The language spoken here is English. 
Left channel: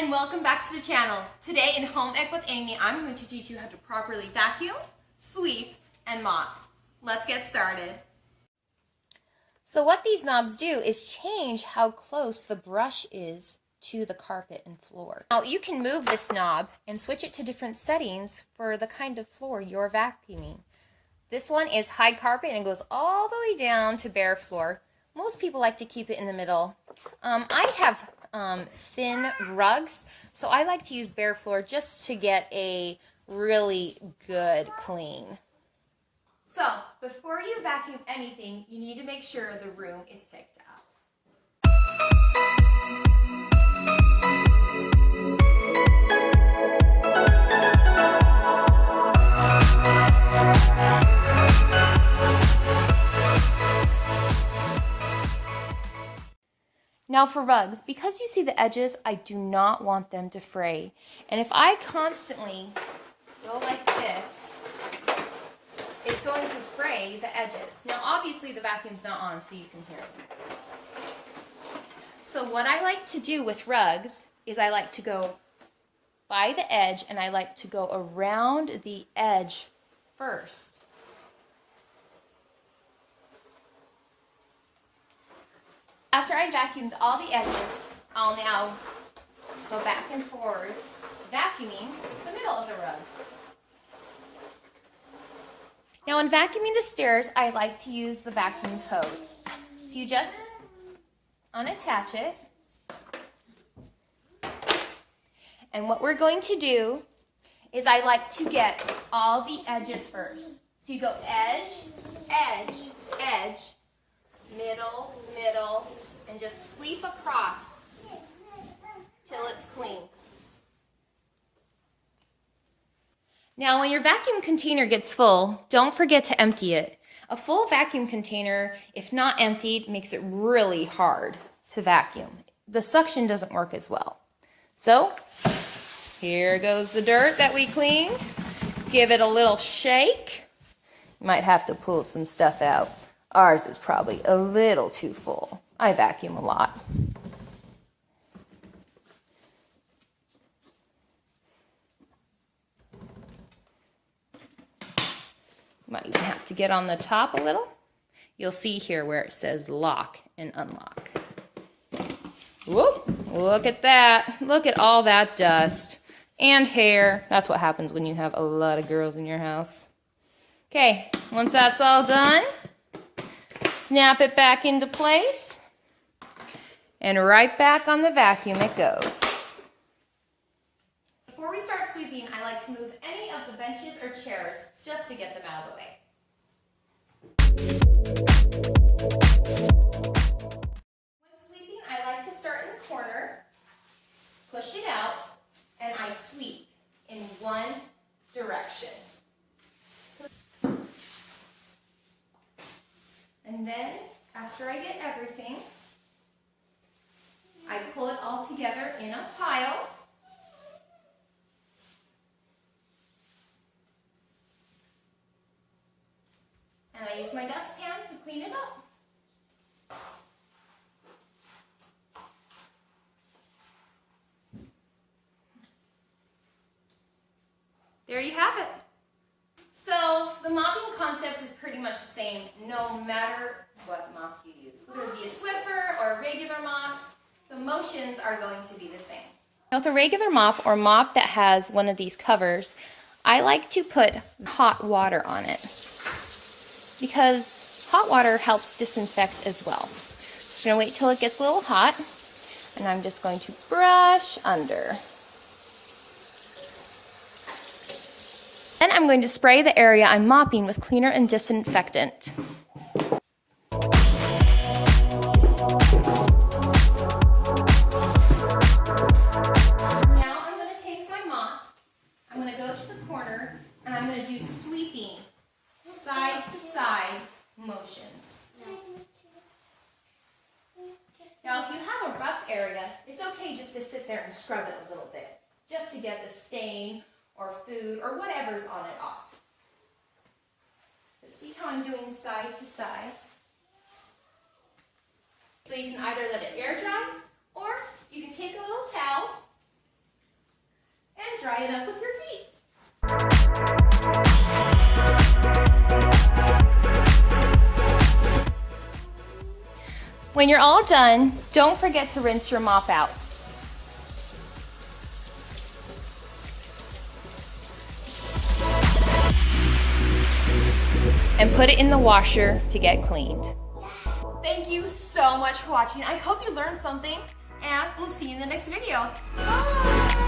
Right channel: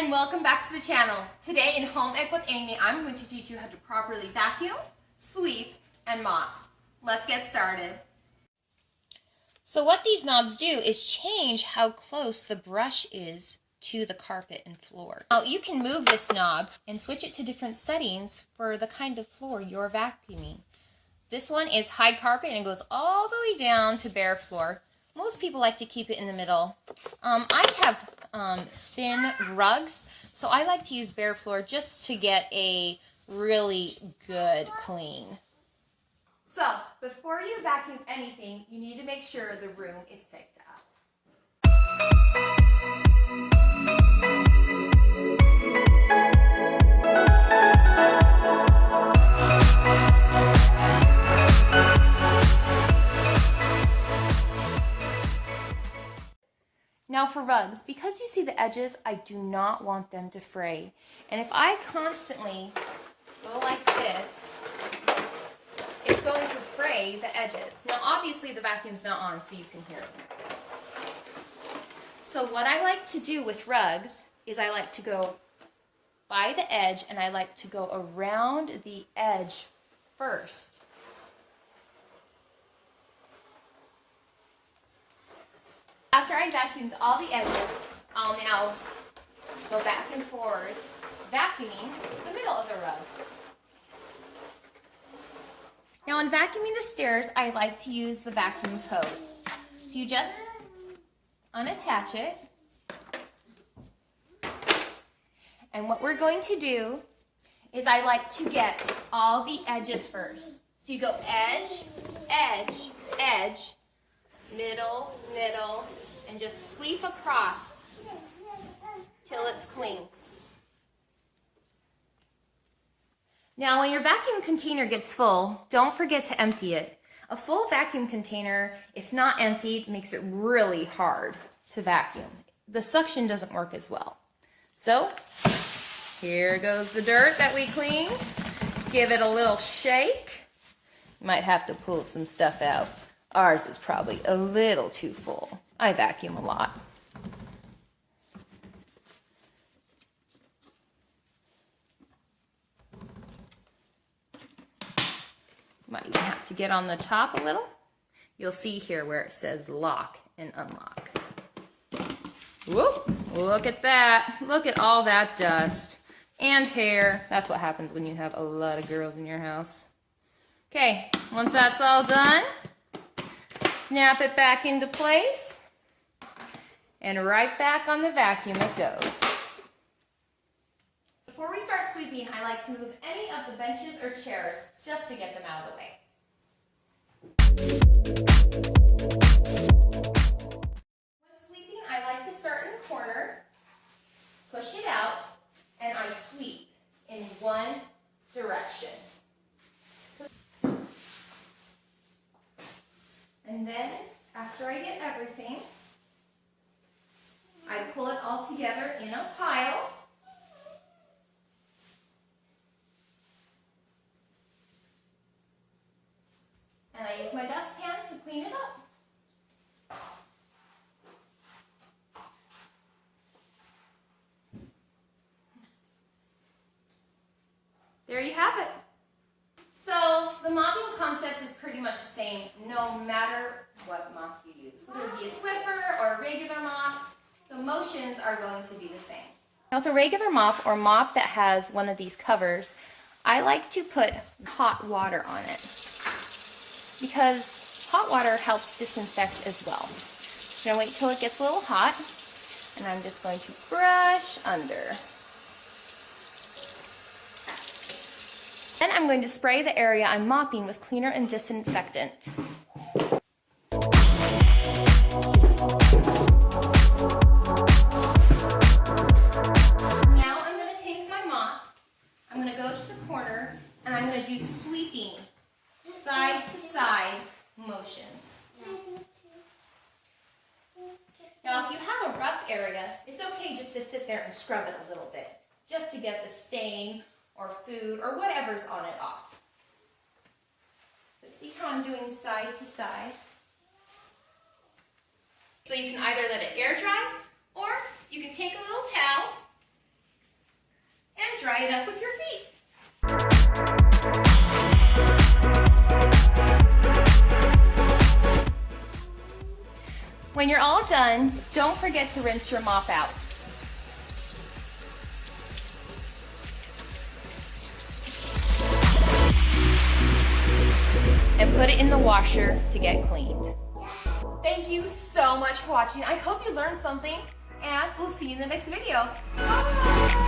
and welcome back to the channel. Today in Home Ec with Amy, I'm going to teach you how to properly vacuum, sweep, and mop. Let's get started. So what these knobs do is change how close the brush is to the carpet and floor. Now you can move this knob and switch it to different settings for the kind of floor you're vacuuming. This one is high carpet and goes all the way down to bare floor. Most people like to keep it in the middle. I have thin rugs, so I like to use bare floor just to get a really good clean. So, before you vacuum anything, you need to make sure the room is picked up. Now for rugs, because you see the edges, I do not want them to fray. And if I constantly go like this, it's going to fray the edges. Now obviously the vacuum's not on, so you can hear it. So what I like to do with rugs is I like to go by the edge and I like to go around the edge first. After I vacuumed all the edges, I'll now go back and forward, vacuuming the middle of the rug. Now in vacuuming the stairs, I like to use the vacuum's hose. So you just unattach it. And what we're going to do is I like to get all the edges first. So you go edge, edge, edge, middle, middle, and just sweep across till it's clean. Now when your vacuum container gets full, don't forget to empty it. A full vacuum container, if not emptied, makes it really hard to vacuum. The suction doesn't work as well. So here goes the dirt that we cleaned. Give it a little shake. Might have to pull some stuff out. Ours is probably a little too full. I vacuum a lot. Might even have to get on the top a little. You'll see here where it says lock and unlock. Whoop, look at that. Look at all that dust and hair. That's what happens when you have a lot of girls in your house. Okay, once that's all done, snap it back into place, and right back on the vacuum it goes. Before we start sweeping, I like to move any of the benches or chairs just to get them out of the way. When sweeping, I like to start in the corner, push it out, and I sweep in one direction. And then, after I get everything, I pull it all together in a pile. And I use my dustpan to clean it up. There you have it. So the mopping concept is pretty much the same no matter what mop you use. Whether it be a Swiffer or a regular mop, the motions are going to be the same. Now with a regular mop or mop that has one of these covers, I like to put hot water on it because hot water helps disinfect as well. So I'm going to wait till it gets a little hot and I'm just going to brush under. Then I'm going to spray the area I'm mopping with cleaner and disinfectant. Now I'm going to take my mop, I'm going to go to the corner, and I'm going to do sweeping, side to side motions. Now if you have a rough area, it's okay just to sit there and scrub it a little bit, just to get the stain or food, or whatever's on it off. But see how I'm doing side to side? So you can either let it air dry, or you can take a little towel and dry it up with your feet. When you're all done, don't forget to rinse your mop out. And put it in the washer to get cleaned. Thank you so much for watching. I hope you learned something, and we'll see you in the next video. Bye!